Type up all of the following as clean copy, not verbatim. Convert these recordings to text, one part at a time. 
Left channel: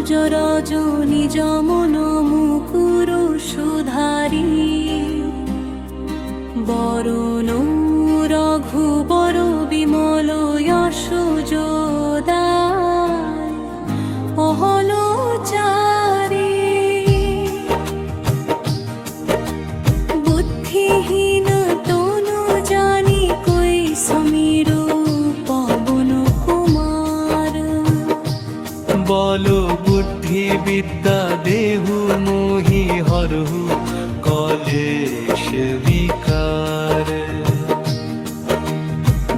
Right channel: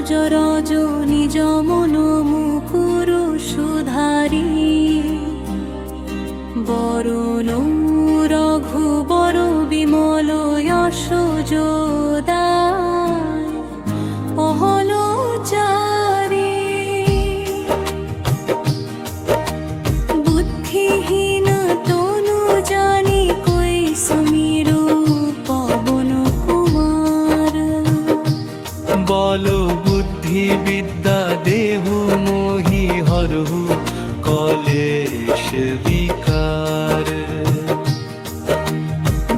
সরোজ রজনী যমন মুকুর সুধারি বরণ রঘুবর বিমল যশ যোদায় অহলোচারি বুদ্ধিহীন তনু জানি কই সমীর পবন কুমার বল বুদ্ধি বিদ্যা দেহু মোহি হরহু কলেশ বিকার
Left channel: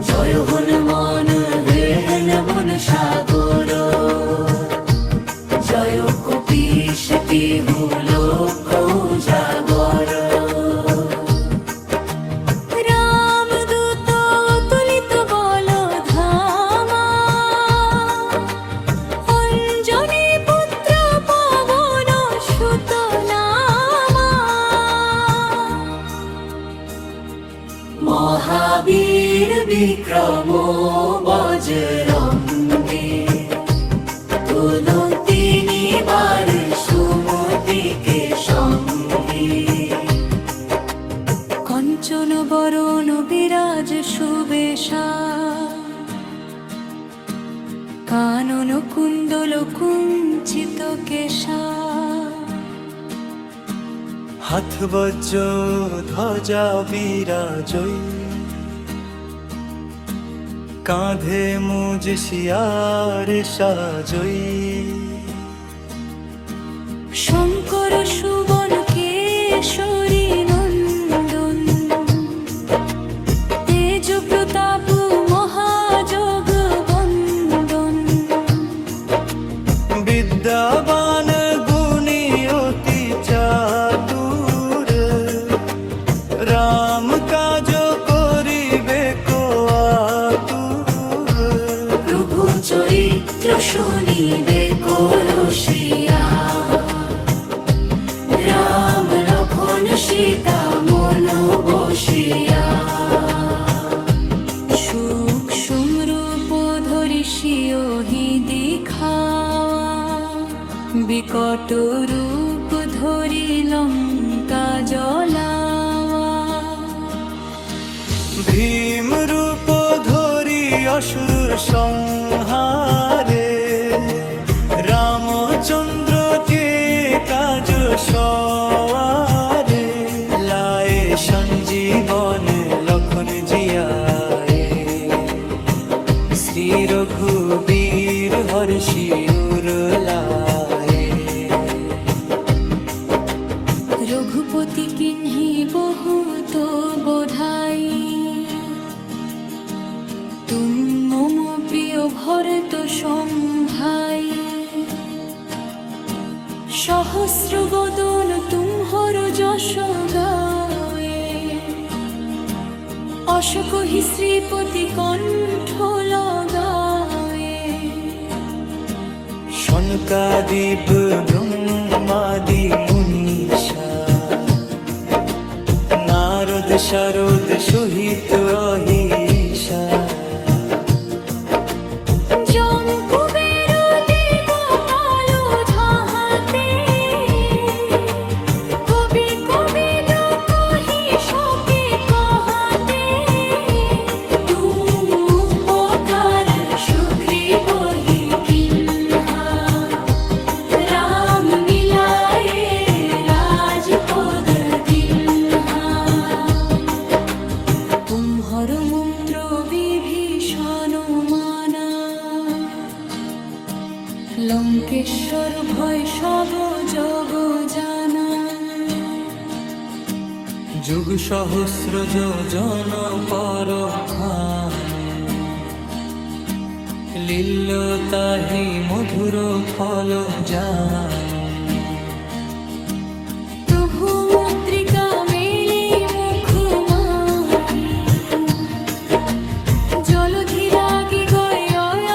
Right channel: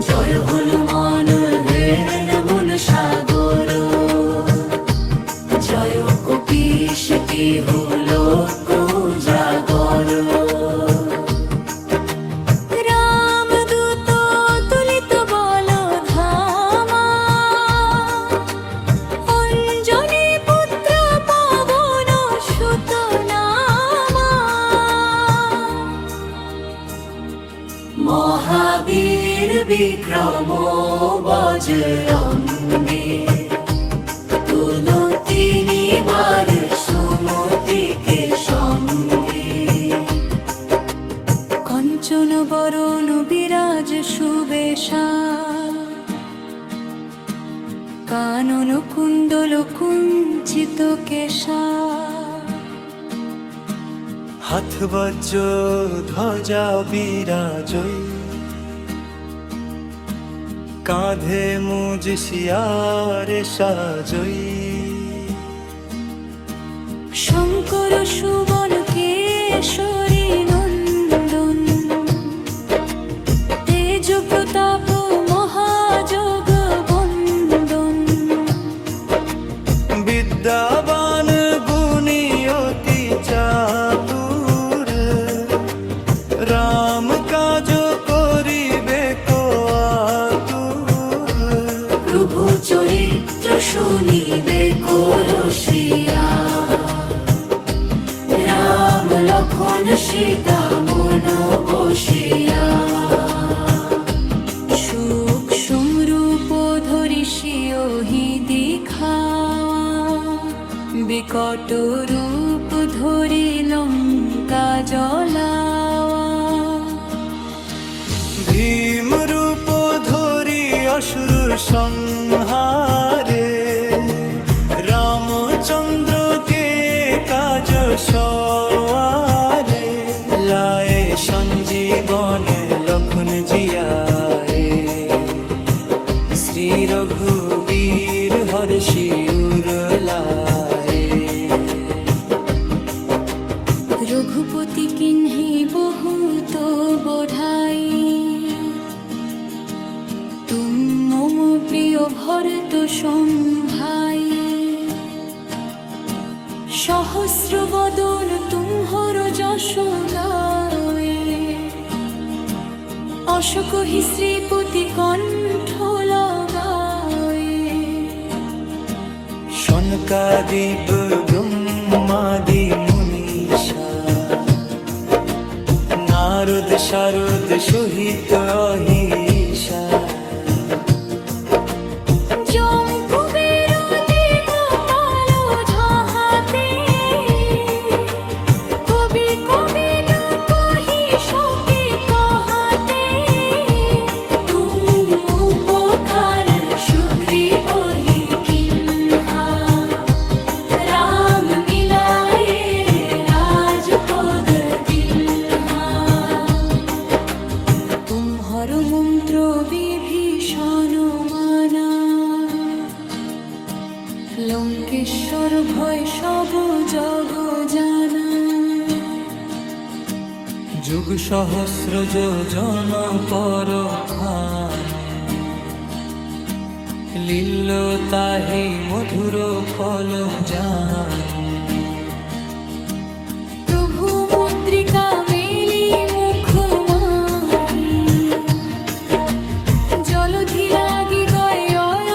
জয় হনুমান হেন বন সাগর জয় কপীশ কেহু লোক জাগর রামদূত তুলিত বল ধামা অঞ্জনী পুত্র পবন সুত নামা মহাবীর বিক্রম বজরঙ্গী তুলতি নিবার সুমতিকে সঙ্গী কঞ্চন বরণ বিরাজ সুবেশা কানন কুণ্ডল কুঞ্চিত কেশা হাত বজ্র ধ্বজা বিরাজই কাঁধে মুজ শিয়ার সাজই শঙ্কর সুবন কেশরী নন্দন তেজ প্রতাপ মহাযোগ বন্দন বিদ্যাবান গুণী অতি চাতুর রাম কাজ করিবে কো আতুর প্রভু চরিত্র শুনিবে করসিয়া রাম লক্ষণ সীতা মন বসিয়া সুখ সুমরূপ ধরি সিওহি দেখাওয়া বিকট রূপ ধরি লঙ্কা জ্বলাওয়া ভীম রূপ ধরি অসুর সংহারে রামচন্দ্রকে কাজ সওয়ারে লায়ে সঞ্জীবন লক্ষণ জিয়ায়ে শ্রী রঘুবীর হর্ষি উর লায়ে রঘুপতি কিন্হি বহুত বধাই তুম মম প্রিয় ভরত সম্ভাই সহস্র বদন তুমহর যশ গায়ে অশোকহি শ্রীপতি কণ্ঠ লগায়ে শনকাদিব ব্রহ্মাদি মুনীষা নারদ শারদ সহিত অহিষা যম কুবের দিগপাল ঝাহাতে কবি কবি কহি শোকে কহাতে তুম উপকার সুগ্রীব হি কিন্হা রাম মিলায়ে রাজপদ দিনহা তুমহর মন্ত্র বিভীষণ মানা লঙ্কেশ্বর ভয় সব জগ জানা যুগ সহস্র যোজন পর ভানু লীল তাহি মধুর ফল জানু প্রভু মুদ্রিকা মেলি মুখ মাহি জলধি লাগি গয়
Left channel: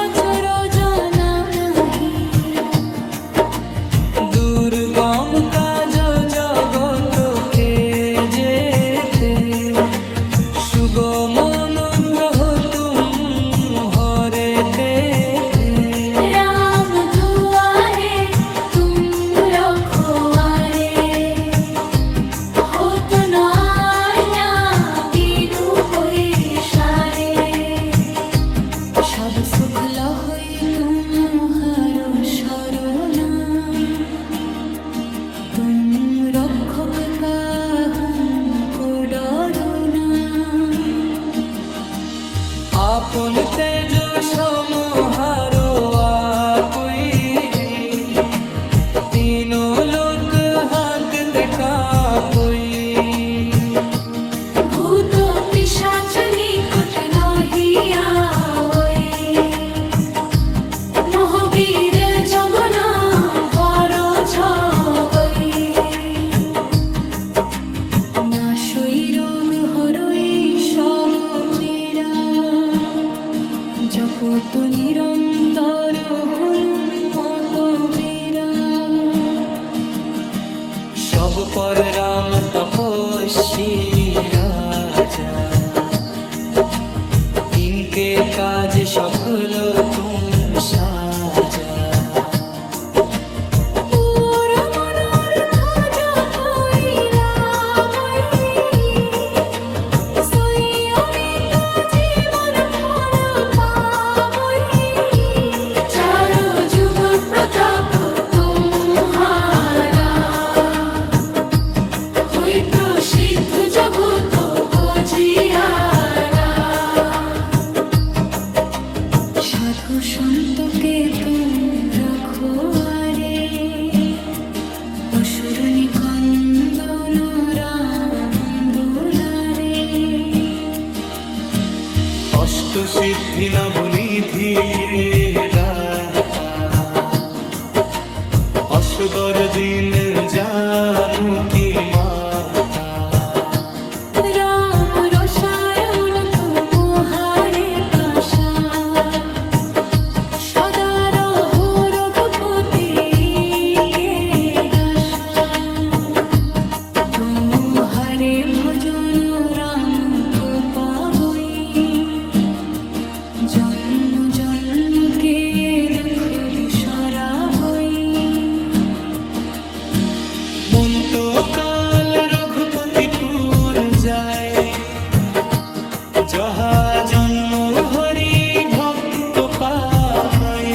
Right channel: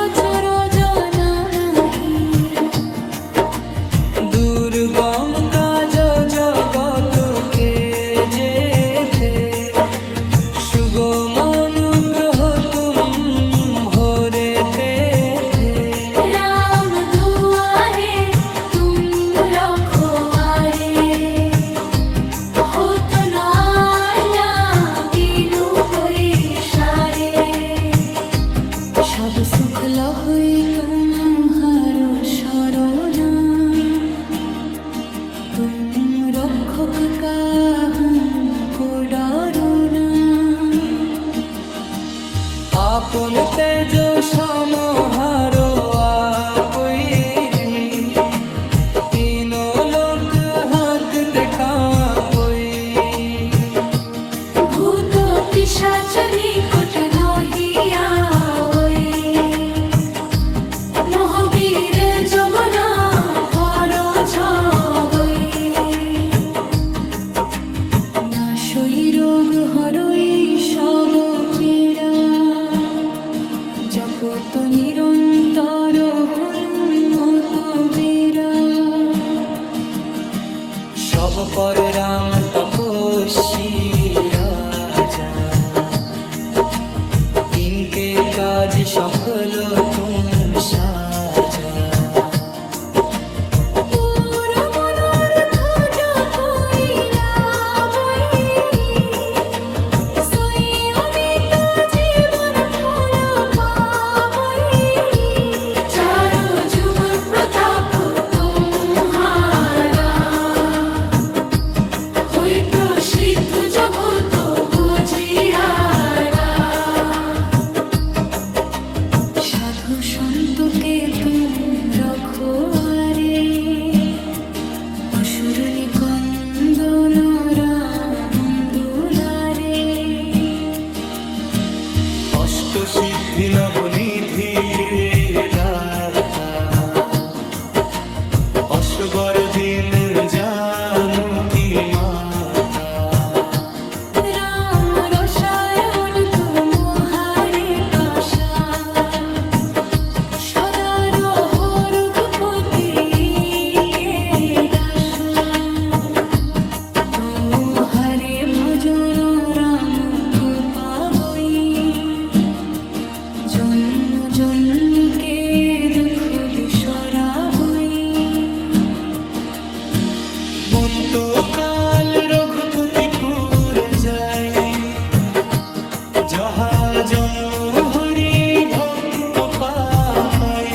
অচর জানা নাহি দুর্গম কাজ জগতকে যেতে সুগম অনুগ্রহ তুম হরে थे राम दुआरे সব সুখ লহই তুমহার শরণা, তুম রক্ষক কাহু কো ডরনা। আপন তেজ সমহারো আপই, तीनों लोक हाकते कापई। ভূত পিশাচ নিকট নহিয়া ওই, মহাবীর জগনা ভর ছবই। নাশই রোগ হরই সব পীড়া, জপত নিরন্তর হনুমত বীরা। সব পর রাম তপস্বী রাজা, इनके काज सफल तुम साजा। পুরো মনোরথ জপইলা বই, সই অমিত জীবন ফল পাবই। চারু যুব প্রতাপ তুমহারা, হই প্রসিদ্ধ জগত বুঝিয়ারা। সাধু সন্তকে তুম রখোয়ারে, অসুর নিকন্দন রাম দুলারে। अष्ट सिद्धि नवनिधि के दाता, असबर दिन जानू की माता। রাম রসায়ন তুমহারে পাশা, সদা রহো রঘুপতি কে দাসা। তুহারে ভজন রাম কো পাবই, জন্ম জন্ম কে দুঃখ বিসরাবই। মন তো কাল রঘুপতিপুর যায়, जहा जन्म हरि भक्त पापई।